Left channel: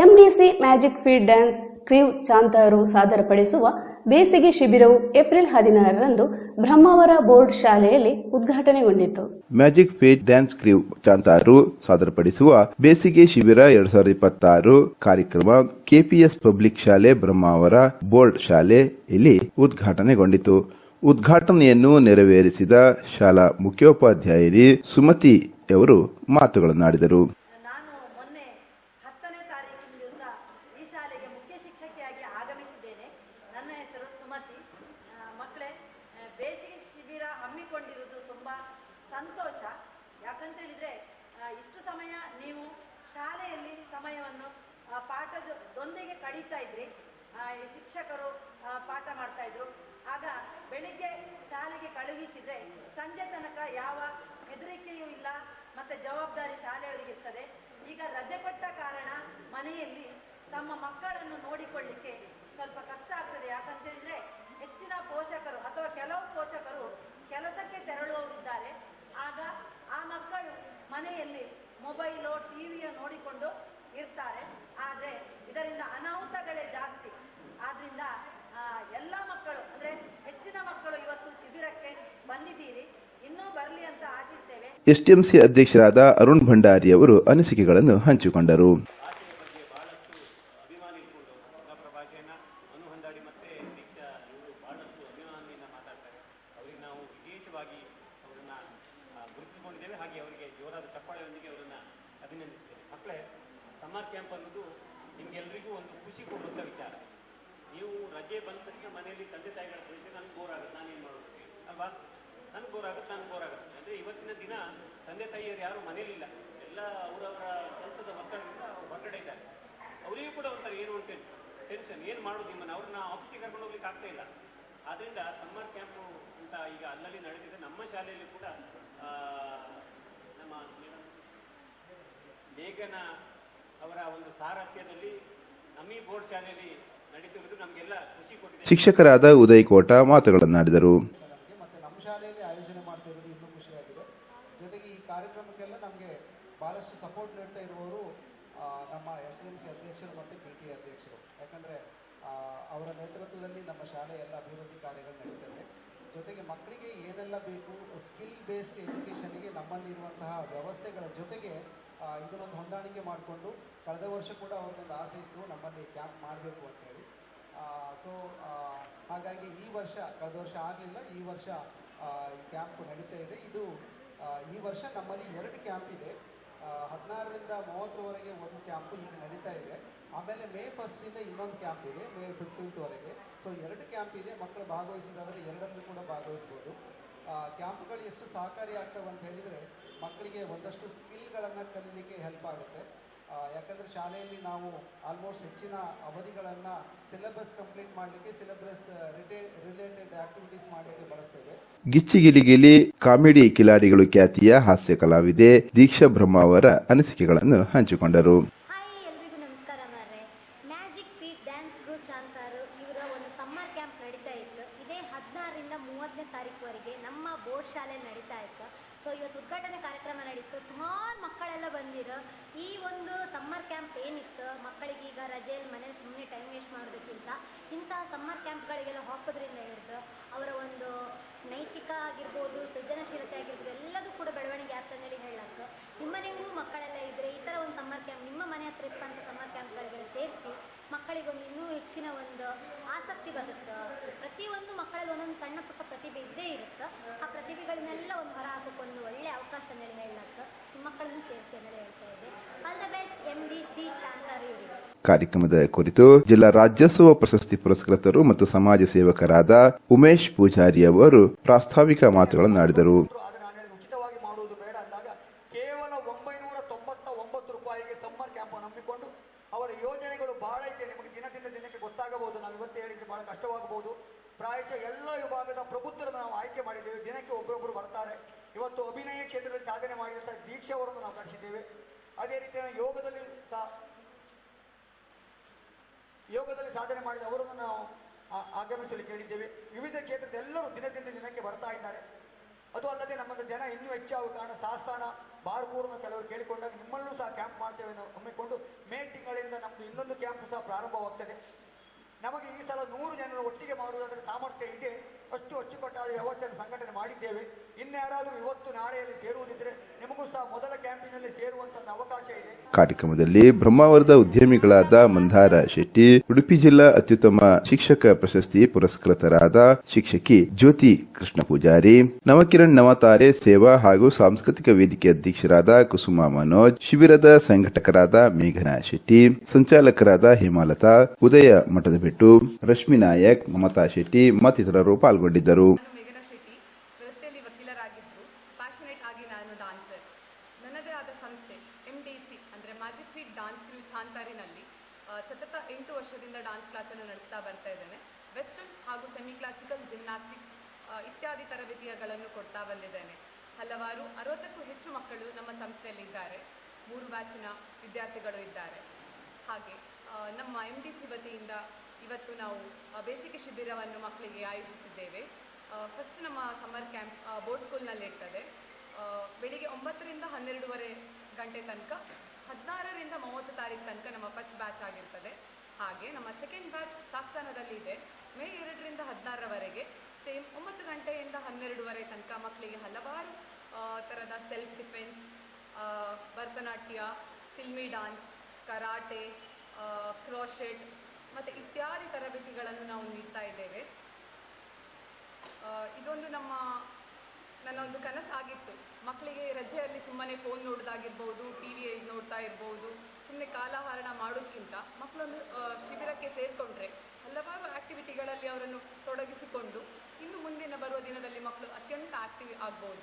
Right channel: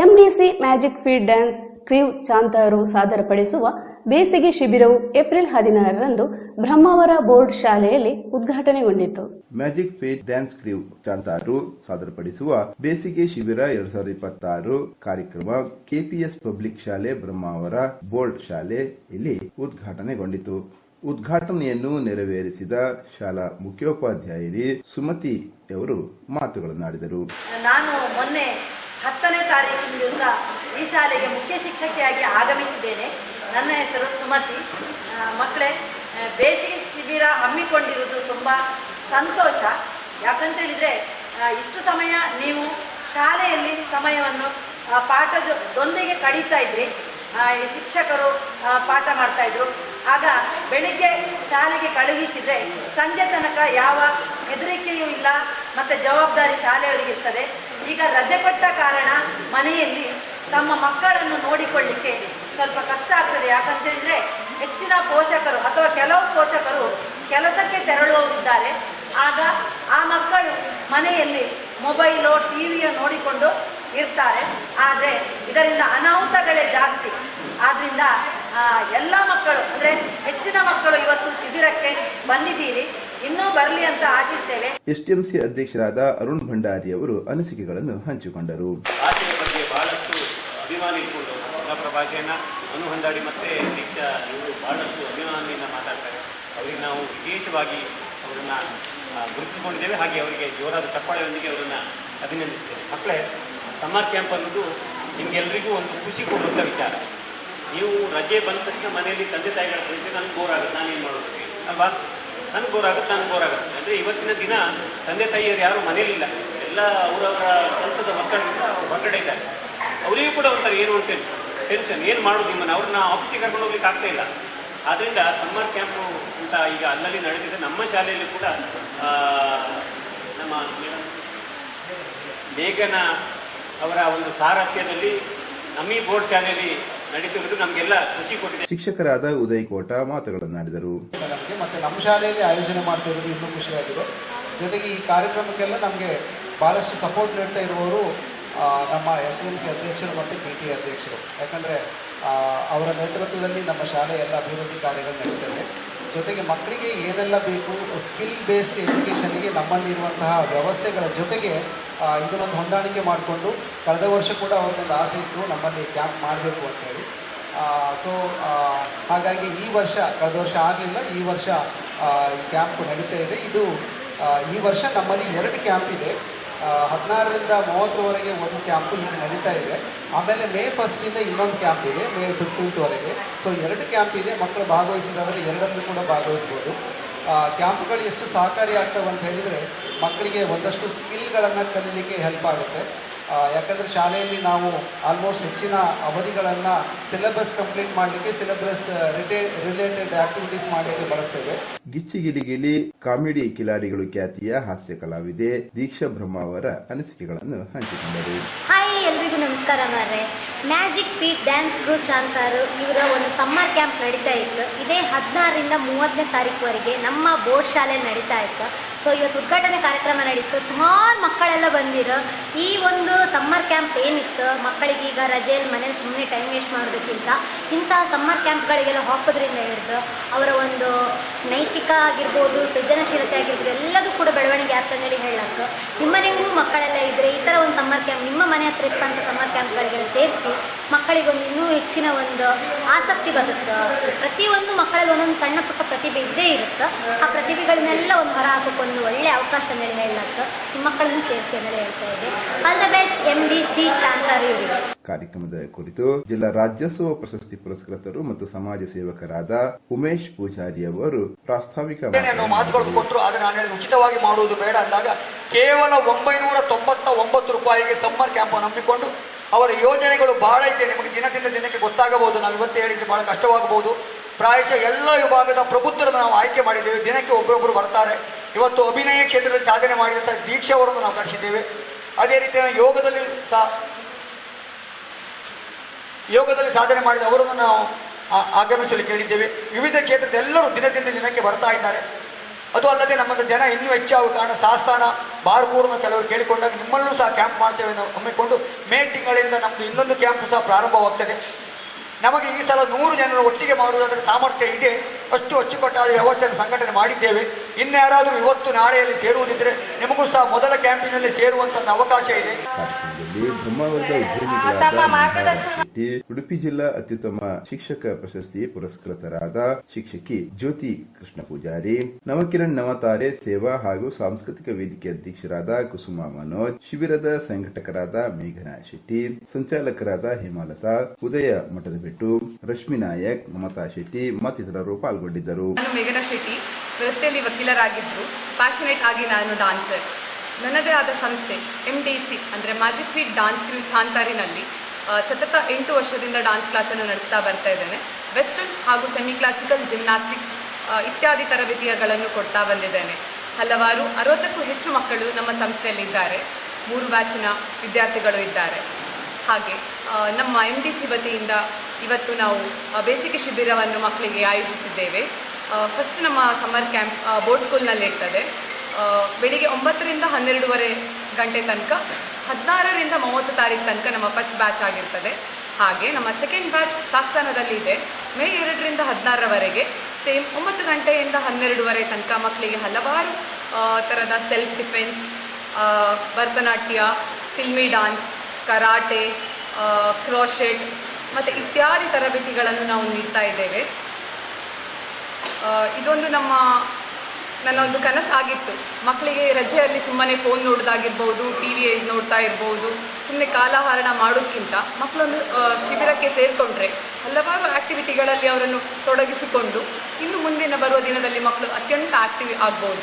MDC magic feed dance crew ಚಾಂತಾರು ಸಾದರಪಡಿಸುವ ಬೇಸಿಗೆ ಶಿಬಿರವು April 16ರಂದು Brahmavar board ಶಾಲೆಯಲ್ಲಿ ಉದ್ಘಾಟನೆಗೊಂಡಿತು. Magic feed dance crew ಚಾಂತಾರು ಸಾದರಪಡಿಸುವ ಬೇಸಿಗೆ ಶಿಬಿರ 2026 ಕಾರ್ಯಕ್ರಮ ಕೆಪಿಎಸ್ ಪಬ್ಲಿಕ್ ಶಾಲೆ ಬ್ರಹ್ಮಾವರ ಬೋರ್ಡ್ ಶಾಲೆಯಲ್ಲಿ ಉದ್ಘಾಟನೆಗೊಂಡಿತು. ಉದ್ಘಾಟನೆಯನ್ನು ನೆರವೇರಿಸಿದ ಶಾಲಾ ಮುಖ್ಯೋಪಾಧ್ಯಾಯರಿ ಸುಮತಿ ಅವರು ಮಾತುಗಳನ್ನಾಡಿದರು. ನಾನು ಮೊನ್ನೆ 10ನೇ ತಾರೀಕಿನ ದಿವಸ ಈ ಶಾಲೆಗೆ ಮುಖ್ಯ ಶಿಕ್ಷಕಿಯಾಗಿ ಆಗಮಿಸಿದ್ದೇನೆ. ನನ್ನ ಹೆಸರು ಸುಮತಿ. ಮಕ್ಕಳೇ, ಬೇಸಿಗೆ ಶಿಬಿರ ಹಮ್ಮಿಕೊಂಡಿರುವುದು ತುಂಬ ಸಂತೋಷ. ಯಾಕಂತೇಳಿದರೆ ಇಷ್ಟು ಸಮಯ ನೀವು ಶಾಲೆಯಲ್ಲಿ ಸಮಯವನ್ನು ಪಾಠದೊಂದಿಗೆ ಕಳೀತಾ ಇದ್ರಿ. ಶಿಕ್ಷಕರು ಪಾಠ ಮಾಡ್ತಾಯಿದ್ರು. ಆಗ ಬೆಳಿಗ್ಗೆ ಶಾಲೆಗೆ ಕಳುಹಿಸಿದರೆ ಸಂಜೆ ತನಕ ಯಾವ ಹೆದರಿಕೆಯೂ ಇಲ್ಲ ಮತ್ತು ಜವಾಬ್ದಾರಿ ಶಾಲೆಯವರಿಗಿರ್ತದೆ. ಈಗ ರಜೆ ಕೊಟ್ಟ ಕಾರಣ ಮನೆಯಲ್ಲಿ ತಮ್ಮ ಮಕ್ಕಳನ್ನು ನೋಡಿಕೊಳ್ಳಿಕ್ಕೆ ಸ್ವಲ್ಪ ಕಷ್ಟ ಆಗ್ತದೆ. ಯಾಕಂತೇಳಿದರೆ ಹೆಚ್ಚಿನ ಪೋಷಕರು ಅಥವಾ ಕೆಲವು ಪೋಷಕರು ಕೆಲಸಕ್ಕೆ ತೆರಳುವವರಿದ್ದಾರೆ. ಆಗ ಆ ಮಕ್ಕಳು ಮನೆಯಲ್ಲಿ ಮೊಬೈಲು ಟಿವಿಯೋ ನೋಡಿಕೊಂಡು ಇರ್ತಾರೆ. ಆದರೆ ಇದರಿಂದ ಅನಾಹುತಗಳೇ ಜಾಸ್ತಿ. ಆದ್ದರಿಂದ ಎಲ್ಲ ಮಕ್ಕಳು ಅಂದರೆ ಹೆಚ್ಚಿನ ಮಕ್ಕಳು ಇವತ್ತು ಶಿಬಿರಕ್ಕೆ ಬಂದಿದ್ದೀರಿ. ಇನ್ನೂ ಬರಲಿ ಅಂತ ಆಶಿಸ್ತೇವೆ. ಎಸ್ಟಿಎಂಸಿ ಅಧ್ಯಕ್ಷರಾದ ಅರುಣ್ ಭಂಡಾರಿ ಅವರು ಅನಿಸಿಕೆಗಳನ್ನು ಹಂಚಿಕೊಂಡರು. ಅನು ಹೊಂದಾಡಿ ಮತ್ತು ದೀಕ್ಷಾ ಇವರು ಭಾಳಷ್ಟು ಅಭಿಮಾನಿಯಿಂದ ಮಾತಾಡ್ತಾರೆ. ಅವರಿಗೆ ನಾವು ವಿಶೇಷವಾಗಿ ಅವರನ್ನು ಗುರುತಿಸಿಕೊಂಡಿದ್ದೇವೆ. ಹಾಗೆ ಅವರಿಗೆ ಜೋರಾದ ಚಪ್ಪಾಳೆಯೊಂದಿಗೆ ಅವರನ್ನು ಅಭಿನಂದಿಸ್ತೇವೆ. ಮಕ್ಕಳೇ, ಸಮ್ಮರ್ ಕ್ಯಾಂಪ್ ಅನ್ನೋದು ನಿಮಗೆಲ್ಲರಿಗೂ ಒಂದು ಖುಷಿ ಕೊಡುವಂಥ ವಿಚಾರ. ನೀವು ರಜೆ ಬಂದ ತಕ್ಷಣ ಮನೆಯಲ್ಲಿ ತಂದೆ ತಾಯಿಗಳ ಪ್ರತಿ ನನಗೆ ಬೋರ್ ಆಗುತ್ತೆ, ನಾನೇನು ಮಾಡೋದು ಅಲ್ವಾ? ನನಗೆ ಬೋರ್ ಆಗುತ್ತೆ. ಅಂದರೆ ಇವತ್ತಿನ ದಿನ ತಂದೆ ತಾಯಿಯರು ಯಾರೂ ಮನೇಲಿಲ್ಲ. ಎಲ್ಲ ಅವರವರ ಕೆಲಸದ ಮಕ್ಕಳಿಂದ ಹೊರಗಡೆ ಇದ್ದಾರೆ. ಅವರಿಗೂ ಕೂಡ ಒಂಥರ ಏನು ಅಂತ ಟೆನ್ಷನ್, ಏನು ಮಾಡೋದು ನಿಮ್ಮನ್ನು, ಅವ್ರನ್ನ ಆಫೀಸಿಗೆ ಕರ್ಕೊಂಡು ಹೋಗ್ಲಿಕ್ಕೆ ಆಗ್ತಾ ಇಲ್ಲ. ಆದ್ದರಿಂದ ಸಮ್ಮರ್ ಕ್ಯಾಂಪು ಅಂತ ಈಗ ಅಲ್ಲಲ್ಲಿ ನಡೆದಿದೆ. ನಮ್ಮ ಶಾಲೆಯಲ್ಲಿ ಕೂಡ ನಮ್ಮ ಮೇಘನ ಅವರ ಒಂದು ಸಾರಥ್ಯದಲ್ಲಿ ನಮ್ಮ ಈ ಬೋರ್ಡ್ ಶಾಲೆಯಲ್ಲಿ ನಡೀತಿರುವುದು ನಮಗೆಲ್ಲ ಖುಷಿ ಕೊಟ್ಟಿದೆ. ಶಿಕ್ಷಕರಾದ ಉದಯ್ ಕೋಟ ಮಾತುಗಳನ್ನಾಡಿದರು. ಮತ್ತು ನಮ್ಮ ಶಾಲೆಯಲ್ಲಿ ಆಯೋಜನೆ ಮಾಡ್ತಾ ಇರೋದು ಇನ್ನೂ ಖುಷಿಯಾಗಿದೆ. ಜೊತೆಗೆ ಈ ಕಾರ್ಯಕ್ರಮಕ್ಕೆಲ್ಲ ನಮಗೆ ಭಾಳಷ್ಟು ಸಪೋರ್ಟ್ ನೀಡ್ತಾ ಇರುವವರು ನಮ್ಮ ಎಸ್ಟಿಎಂಸಿ ಅಧ್ಯಕ್ಷರು ಮತ್ತು ಪಿಟಿ ಅಧ್ಯಕ್ಷರು. ಯಾಕಂದರೆ ಅವರ ನೇತೃತ್ವದಲ್ಲಿ ನಮ್ಮ ಶಾಲೆ ಎಲ್ಲ ಅಭಿವೃದ್ಧಿ ಕಾರ್ಯಗಳು ನಡೀತದೆ. ಜೊತೆಗೆ ಮಕ್ಕಳಿಗೆ ಏನೆಲ್ಲ ಬೇಕು ಸ್ಕಿಲ್ ಬೇಸ್ಡ್ ಎಜುಕೇಷನ್ಗೆ ನಮ್ಮಲ್ಲಿರುವಂತಹ ವ್ಯವಸ್ಥೆಗಳ ಜೊತೆಗೆ ಇದನ್ನೊಂದು ಹೊಂದಾಣಿಕೆ ಮಾಡಿಕೊಂಡು ಕಳೆದ ವರ್ಷ ಕೂಡ ಅವ್ರಿಗೊಂದು ಆಸೆ ಇತ್ತು ನಮ್ಮಲ್ಲಿ ಕ್ಯಾಂಪ್ ಮಾಡಬೇಕು ಅಂತೇಳಿ. ಹಾಗಾಗಿ ಈ ವರ್ಷ, ಕಳೆದ ವರ್ಷ ಆಗಲಿಲ್ಲ, ಈ ವರ್ಷ ಈ ಕ್ಯಾಂಪ್ ನಡೀತಾ ಇದೆ. ಈ ವರ್ಷ ನಮ್ಮಲ್ಲಿ 2 ಕ್ಯಾಂಪ್ ಇದೆ. 16ರಿಂದ 30ರವರೆಗೆ ಒಂದು ಕ್ಯಾಂಪು ಈಗ ನಡೀತಾ ಇದೆ. ಆಮೇಲೆ ಮೇ 1ರಿಂದ ಇನ್ನೊಂದು ಕ್ಯಾಂಪ್ ಇದೆ, ಮೇ 15ರವರೆಗೆ. 2 ಕ್ಯಾಂಪ್ ಇದೆ. ಮಕ್ಕಳು ಭಾಗವಹಿಸಿದಾದರೆ 2ರಲ್ಲೂ ಕೂಡ ಭಾಗವಹಿಸ್ಬೋದು. ಕ್ಯಾಂಪ್ಗಳು ಎಷ್ಟು ಸಹಕಾರಿ ಆಗ್ತವೆ ಅಂತ ಹೇಳಿದರೆ ಮಕ್ಕಳಿಗೆ ಒಂದಷ್ಟು ಸ್ಕಿಲ್ಗಳನ್ನು ಕಲೀಲಿಕ್ಕೆ ಹೆಲ್ಪ್ ಆಗುತ್ತೆ. ಯಾಕಂದರೆ ಶಾಲೆಯಲ್ಲಿ ನಾವು ಆಲ್ಮೋಸ್ಟ್ ಹೆಚ್ಚಿನ ಅವಧಿಗಳನ್ನು ಸಿಲೆಬಸ್ ಕಂಪ್ಲೀಟ್ ಮಾಡಲಿಕ್ಕೆ, ಸಿಲೆಬಸ್ ರಿಲೇಟೆಡ್ ಆಕ್ಟಿವಿಟೀಸ್ ಮಾಡಲಿಕ್ಕೆ ಬಳಸ್ತೇವೆ. ಗಿಚ್ಚಿಗಿಲಿಗಿಲಿ ಕಾಮಿಡಿ ಕಿಲಾಡಿಗಳು ಖ್ಯಾತಿಯ ಹಾಸ್ಯ ಕಲಾವಿದೆ ದೀಕ್ಷಾ ಬ್ರಹ್ಮಾವರ ಅನಿಸಿಕೆಗಳನ್ನು ಹಂಚಿಕೊಂಡರು. ಎಲ್ರಿಗೂ ನಮಸ್ಕಾರ ಮಾರ್ರೆ. ಮ್ಯಾಜಿಕ್ ಫೀಡ್ ಡ್ಯಾನ್ಸ್ ಕ್ರೂ ಚಾಂತಾರು ಇವರ ಒಂದು ಸಮ್ಮರ್ ಕ್ಯಾಂಪ್ ನಡೀತಾ ಇತ್ತು. ಇದೇ 16ರಿಂದ 30ನೇ ತಾರೀಕುವರೆಗೆ ನಮ್ಮ ಬೋರ್ಡ್ ಶಾಲೆಯಲ್ಲಿ ನಡೀತಾ ಇತ್ತು. ಇವತ್ತು ಉದ್ಘಾಟನೆ ಕಾರ್ಯಕ್ರಮ ನಡೀತು. ಸುಮಾರು ಮಕ್ಕಳೆಲ್ಲ ಬಂದಿರೋ ಈ ಒಂದು ಸಮ್ಮರ್ ಕ್ಯಾಂಪ್ ಏನಿತ್ತು, ಮಕ್ಕಳಿಗೆ ಈಗ ರಜೆಯಲ್ಲಿ ಮನೇಲಿ ಸುಮ್ಮನೆ ಟೈಮ್ ವೇಸ್ಟ್ ಮಾಡೋದಕ್ಕಿಂತ ಇಂಥ ಸಮ್ಮರ್ ಕ್ಯಾಂಪ್ಗಳಿಗೆಲ್ಲ ಹಾಕೋದ್ರಿಂದ ಹಿಡಿದು ಅವರ ಒಂದು ನೈತಿಕ ಆಗಿರ್ಬೋದು, ಸೃಜನಶೀಲತೆ ಆಗಿರ್ಬೋದು, ಎಲ್ಲದೂ ಕೂಡ ಬೆಳವಣಿಗೆ ಆಗ್ತಂದೇಳಿ ಹೇಳಕ್ಕೆ. ನಿಮ್ಮನೆಗೂ ಮಕ್ಕಳೆಲ್ಲ ಇದ್ದರೆ ಈ ಥರ ಒಂದು ಸಮ್ಮರ್ ಕ್ಯಾಂಪ್ ನಿಮ್ಮ ಮನೆ ಹತ್ರ ಇಪ್ಪಂಥ ಸಮ್ಮರ್ ಕ್ಯಾಂಪ್ಗಳಿಗೆಲ್ಲ ಸೇರಿಸಿ ಮಕ್ಕಳಿಗೊಂದು ಇನ್ನೂ ಹೆಚ್ಚಿನ ಒಂದು ಆಸಕ್ತಿ ಬರುತ್ತೆ. ಪ್ರತಿಯೊಂದು ಮಕ್ಕಳಲ್ಲಿ ಒಂದೊಂದು ಸಣ್ಣ ಪುಟ್ಟ ಪ್ರತಿಭೆ ಇದ್ದೇ ಇರುತ್ತೆ. ಆ ಪ್ರತಿಭೆಗಳನ್ನೆಲ್ಲ ಒಂದು ಹೊರ ಹಾಕೋಕ್ಕೊಂದು ಒಳ್ಳೆಯ ಅವಕಾಶ ಅಂತೇಳಿ ಹೇಳಕ್ಕೆ ನಿಮ್ಮ ಮಕ್ಕಳನ್ನು ಸೇರಿಸಿ ಅಂತೇಳಿ ಹೇಳ್ತಾ ಇದ್ದೆ. ಆಲ್ ದ ಬೆಸ್ಟ್ ಎಂಡಿಸಿ ಚಾಂತಾರು ಇವರಿಗೆ. ಕಾರ್ಯಕ್ರಮದ ಕುರಿತು ಜಿಲ್ಲಾ ರಾಜ್ಯೋತ್ಸವ ಪ್ರಶಸ್ತಿ ಪುರಸ್ಕೃತರು ಮತ್ತು ಸಮಾಜ ಸೇವಕರಾದ ಉಮೇಶ್ ಪೂಜಾರಿ ಅವರು ಪ್ರಾಸ್ತಾವಿಕ ಮಾತುಗಳನ್ನು ಮಾಡಿದರು. ಉಚಿತವಾಗಿ ಮಾಡುವುದು ಬೇಡ ಅಂದಾಗ ಕೇವಲ 999 ರೂಪಾಯಿಗೆ ಸಮ್ಮರ್ ಕ್ಯಾಂಪ್ ನಂಬಿಕೊಂಡು ಅವರ ಯೋಜನೆಗಳು ಬಹಳ ಇದೆ. ನಿಮಗೆ ದಿನದಿಂದ ದಿನಕ್ಕೆ ಗೊತ್ತಾಗಬಹುದು. ನಾವು ಇವತ್ತು ಹೇಳಿದ್ರೆ ಬಹಳ ಕಷ್ಟವಾಗಬಹುದು. ಪ್ರಾಯಶಃ ಎಲ್ಲ ವಿಭಾಗದ ಪ್ರಬುದ್ಧರನ್ನು ನಾವು ಆಯ್ಕೆ ಮಾಡಿದ್ದೇವೆ. ದಿನಕ್ಕೆ ಒಬ್ಬರೊಬ್ಬರು ಬರ್ತಾರೆ. ಇವತ್ತು ಅಭಿನಯ ಕ್ಷೇತ್ರದಲ್ಲಿ ಸಾಧನೆ ಮಾಡಿದಂಥ ದೀಕ್ಷಾ ಅವರನ್ನು ನಾವು ಕಳಿಸಿದ್ದೇವೆ. ಅದೇ ರೀತಿ ಯೋಗದಲ್ಲಿ ಸಾಧನೆ ಮಾಡಿದ ಅವರನ್ನು ನಾವು ಆಗಮಿಸಲು ಕೇಳಿದ್ದೇವೆ. ವಿವಿಧ ಕ್ಷೇತ್ರದ ಎಲ್ಲರೂ ದಿನದಿಂದ ದಿನಕ್ಕೆ ಬರ್ತಾ ಇದ್ದಾರೆ. ಅದು ಅಲ್ಲದೆ ನಮ್ಮ ಜನ ಇನ್ನೂ ಹೆಚ್ಚಾಗುವ ಕಾರಣ ಸಾಸ್ತಾನ ಬಾರ್ಕೂರ್ನ ಕೆಲವರು ಕೇಳಿಕೊಂಡಾಗ ನಿಮ್ಮಲ್ಲೂ ಸಹ ಕ್ಯಾಂಪ್ ಮಾಡ್ತೇವೆ ಎಂದು ಹಮ್ಮಿಕೊಂಡು ಮೇ ತಿಂಗಳಿಂದ ನಮ್ಮದು ಇನ್ನೊಂದು ಕ್ಯಾಂಪ್ ಸಹ ಪ್ರಾರಂಭವಾಗ್ತದೆ. ನಮಗೆ ಈ ಸಲ 100 ಜನರು ಒಟ್ಟಿಗೆ ಮಾಡುವುದಾದರೆ ಸಾಮರ್ಥ್ಯ ಇದೆ, ಅಷ್ಟು ಅಚ್ಚುಕಟ್ಟಾದ ವ್ಯವಸ್ಥೆಯನ್ನು ಸಂಘಟನೆ ಮಾಡಿದ್ದೇವೆ. ಇನ್ಯಾರಾದರೂ ಇವತ್ತು ನಾಳೆಯಲ್ಲಿ ಸೇರುವುದಿದ್ದರೆ ನಿಮಗೂ ಸಹ ಮೊದಲ ಕ್ಯಾಂಪಿನಲ್ಲಿ ಸೇರುವಂತ ಅವಕಾಶ ಇದೆ. ಕಾರ್ಯಕ್ರಮದಲ್ಲಿ ಬ್ರಹ್ಮಾವರದ ಉದ್ಯಮಿಗಳಾದ ಮಂದಾರ ಶೆಟ್ಟಿ, ಉಡುಪಿ ಜಿಲ್ಲಾ ಅತ್ಯುತ್ತಮ ಶಿಕ್ಷಕ ಪ್ರಶಸ್ತಿ ಪುರಸ್ಕೃತರಾದ ಶಿಕ್ಷಕಿ ಜ್ಯೋತಿ ಕೃಷ್ಣ ಪೂಜಾರಿ, ನವಕಿರಣ್ ನವತಾರೆ ಸೇವಾ ಹಾಗೂ ಸಾಂಸ್ಕೃತಿಕ ವೇದಿಕೆ ಅಧ್ಯಕ್ಷರಾದ ಕುಸುಮಾ ಮನೋಜ್, ಶಿಬಿರದ ಸಂಘಟಕರಾದ ಮೇಘನಾ ಶೆಟ್ಟಿ, ಸಂಚಾಲಕರಾದ ಹೇಮಾಲತಾ, ಉದಯ ಮಠದ ಬೆಟ್ಟು, ರಶ್ಮಿ ನಾಯಕ್, ಮಮತಾ ಶೆಟ್ಟಿ ಮತ್ತಿತರರು ಪಾಲ್ಗೊಂಡಿದ್ದರು. ನಾನು ಮೇಘನಾ ಶೆಟ್ಟಿ, ವೃತ್ತಿಯಲ್ಲಿ ವಕೀಲರಾಗಿದ್ದರು. ಪ್ಯಾಷನೇಟ್ ಆಗಿ ನಾನು ಡಾನ್ಸರ್. ನನ್ನದೇ ಆದ ಸಂಸ್ಥೆ MDC ಅಂದರೆ ಮ್ಯಾಜಿಕ್ ಫೀಟ್ ಡಾನ್ಸ್ ಕ್ರೂ ಚಾಂತಾರಿನಲ್ಲಿ ಸತತ 8 ವರ್ಷದಿಂದ ಡಾನ್ಸ್ ಕ್ಲಾಸನ್ನು ನಡೆಸ್ತಾ ಬರ್ತಾ ಇದ್ದೇನೆ. ವೆಸ್ಟರ್ನ್ ಹಾಗೂ ಸೆಮಿ ಕ್ಲಾಸಿಕಲ್, ಜಿಮ್ನಾಸ್ಟಿಕ್ ಇತ್ಯಾದಿ ತರಬೇತಿಗಳನ್ನು ಕೊಡ್ತಾ ಬಂದಿದ್ದೇನೆ. ಹಲವಾರು 60ಕ್ಕೂ ಹೆಚ್ಚು ಮಕ್ಕಳು ನಮ್ಮ ಸಂಸ್ಥೆಯಲ್ಲಿದ್ದಾರೆ. 3 ಬ್ಯಾಚಿನ ವಿದ್ಯಾರ್ಥಿಗಳು ಇದ್ದಾರೆ. ಹಾಗೆ ನಮ್ಮ MDC ವತಿಯಿಂದ ಇವತ್ತು ನಾವು ಬೇಸಿಗೆ ಶಿಬಿರವನ್ನು ಮಕ್ಕಳಿಗೆ ಆಯೋಜಿಸಿದ್ದೇವೆ. ಫಸ್ಟ್ ನಮ್ಮ ಸಮ್ಮರ್ ಕ್ಯಾಂಪ್ ಬೋರ್ಡ್ ಸ್ಕೂಲ್ನಲ್ಲಿ ಇರ್ತದೆ. ಬೆಳಿಗ್ಗೆ 9ರಿಂದ 12:30 ಗಂಟೆ ತನಕ, 16ರಿಂದ 30 ತಾರೀಕು ತನಕ ನಮ್ಮ ಫಸ್ಟ್ ಬ್ಯಾಚ್ ಆಗಿರ್ತದೆ. ಹಾಗೆ ನಮ್ಮ ಸೆಕೆಂಡ್ ಬ್ಯಾಚ್ ಸಾಸ್ತಾನದಲ್ಲಿ ಇದೆ. ಮೇ 2ರಿಂದ 16ರವರೆಗೆ ಸೇಮ್ 9 ಗಂಟೆಯಿಂದ 12:30 ತನಕ ಮಕ್ಕಳಿಗೆ ಹಲವಾರು ಥರದ self defence, Bharatanatyam, filmy dance, karate, crochet ಮತ್ತು ಇತ್ಯಾದಿ ತರಬೇತಿಗಳನ್ನು ನಾವು ನೀಡ್ತಾ ಇದ್ದೇವೆ. ಇದೊಂದು ನನ್ನ ಒಂದು ಕನಸಾಗಿತ್ತು. ಮಕ್ಕಳಿಗೆ ರಜೆಯಲ್ಲಿ ಸುಮ್ಮನೆ ಫೋನ್ ನೋಡೋದಾಗಿರ್ಬೋದು, TV ನೋಡ್ತಾ ಇರ್ಬೋದು, ಸುಮ್ಮನೆ ಕಾಲಹರಣ ಮಾಡೋದಕ್ಕಿಂತ ಮಕ್ಕಳೊಂದು ಶಿಬಿರಕ್ಕೆ ಸೇರಿಕೊಂಡ್ರೆ ಹಲವಾರು ಆ್ಯಕ್ಟಿವಿಟಿಗಳಲ್ಲಿ ಅವರನ್ನು ತೊಡಗಿಸಿಕೊಂಡು ಇನ್ನು ಮುಂದಿನ ಬರುವ ದಿನದಲ್ಲಿ ಮಕ್ಕಳು ಅತ್ಯಂತ ಆ್ಯಕ್ಟಿವ್ ಆಗ್ಬೋದು.